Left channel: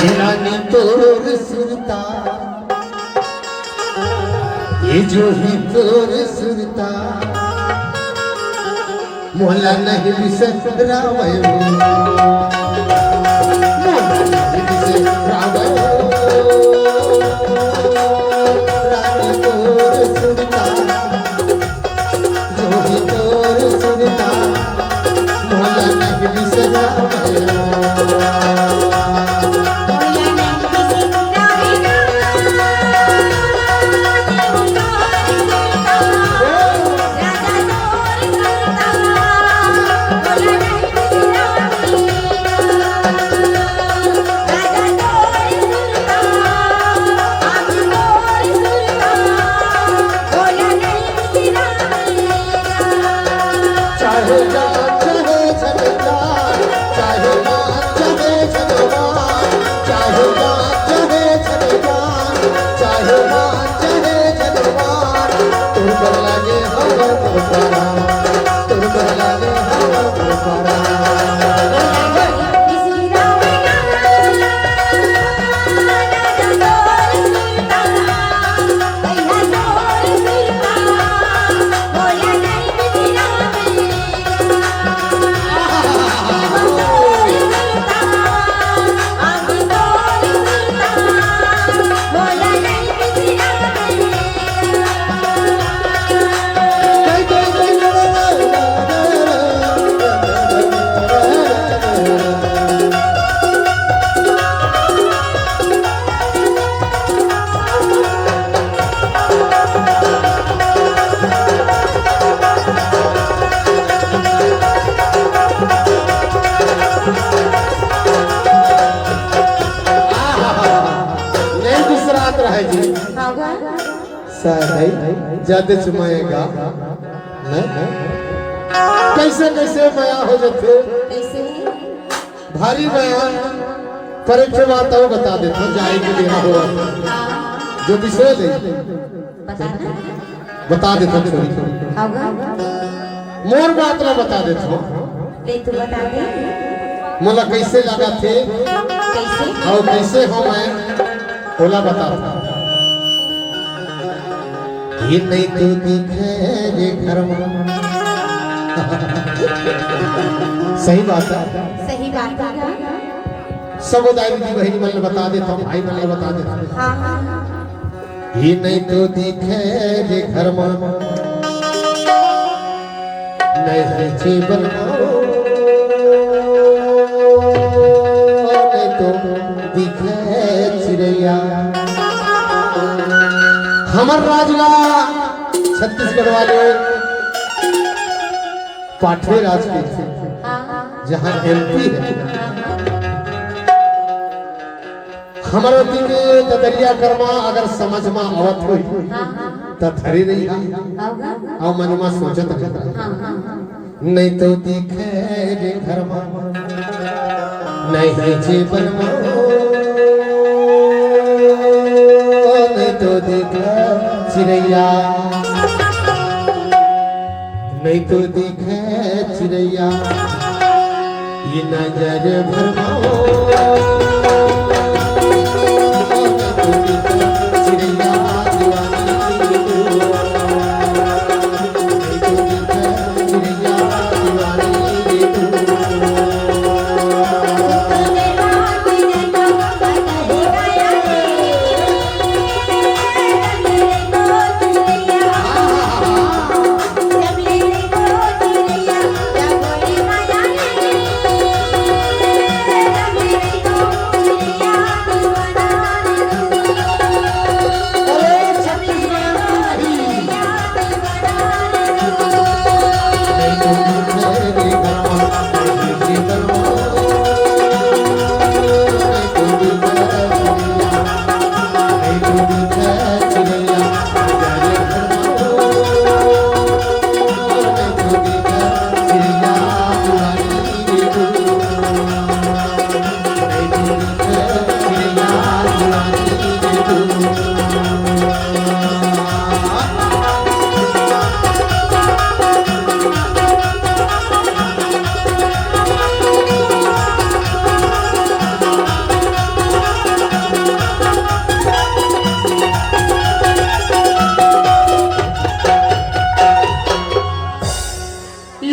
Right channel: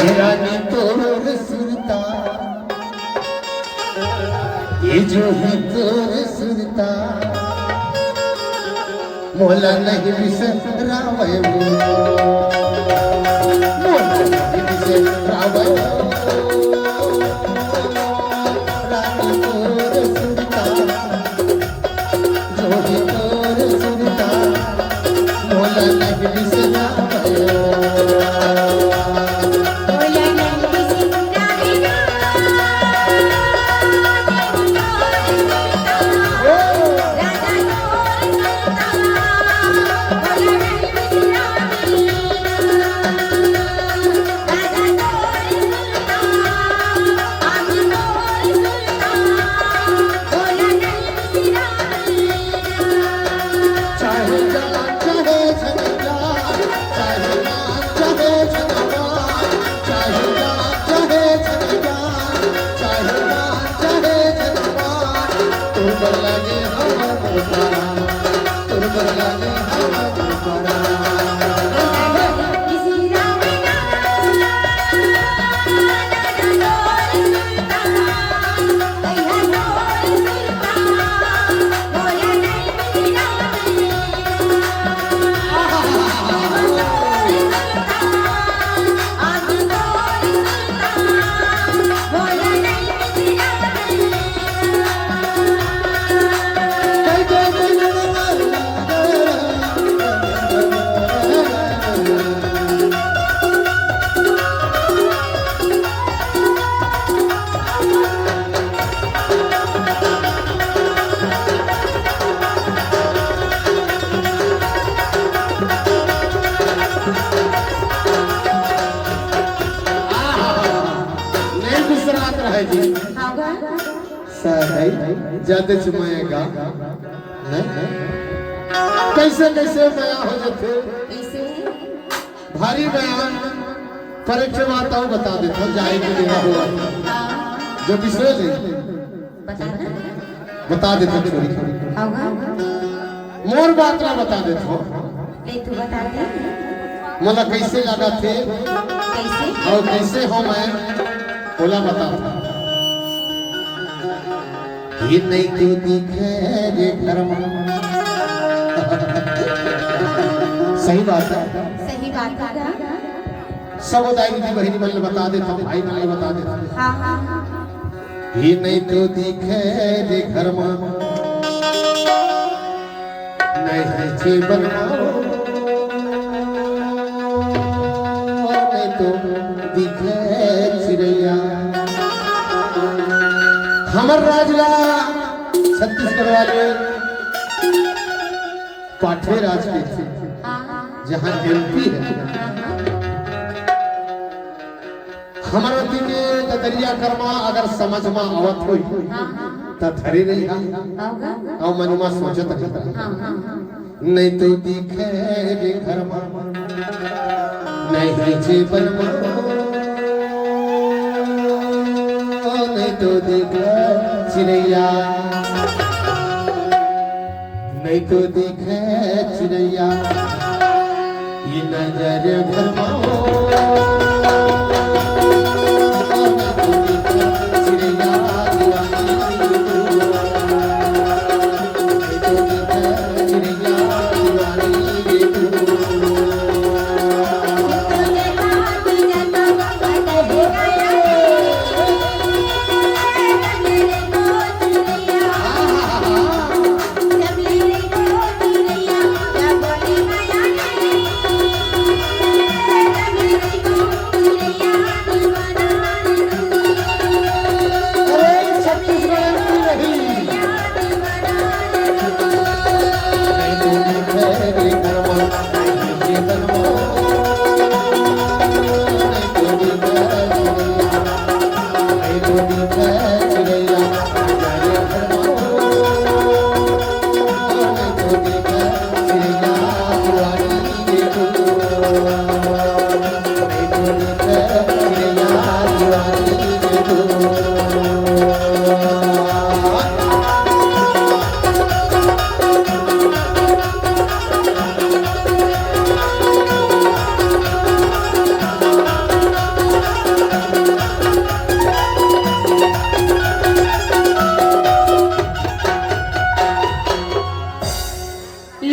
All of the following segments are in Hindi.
ये रानी तोर सुरता, ये जो ही तोर सुरता, मोला नहीं बिसरावयो, मोला नहीं बिसरावयो। रानी तोर सुरता, जो ही तोर सुरता, मोला नहीं बिसरावयो। ज्यादा चुमाएगा कैसे कैसे माया हो जाते, भारी माया पर एक बात और बता देता जाने के लिए हुआ जो बिसरा दे बता देता थोड़ी थोड़ी मोर बात में बता देता मोला कैसे लगा थे और कैसे हो मैं बोला बता ये नहीं तो दिखे रे घर में। सही बात है, सही बात है। सब दाई दीदी बहनी मन बता देता हूँ, भाई मन बता देता हूँ। हाँ हाँ। ये नहीं तो दिखे रे घर में नहीं जीवन नहीं तो दिखे चिड़िया हमर राजला छत्तीसगढ़ वाले पाठे राज के थे जहाँ एमपी है हमारे के ददरिया कर्मा अगर समझ में आवत हुई तो थरी नहीं और मन में सोचत नहीं तो दिखे रे घर में नहीं जीवन में नहीं तो दिखे चिड़ैया नहीं तो दिखे चिड़ैया ये नजर भरमा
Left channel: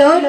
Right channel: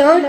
लो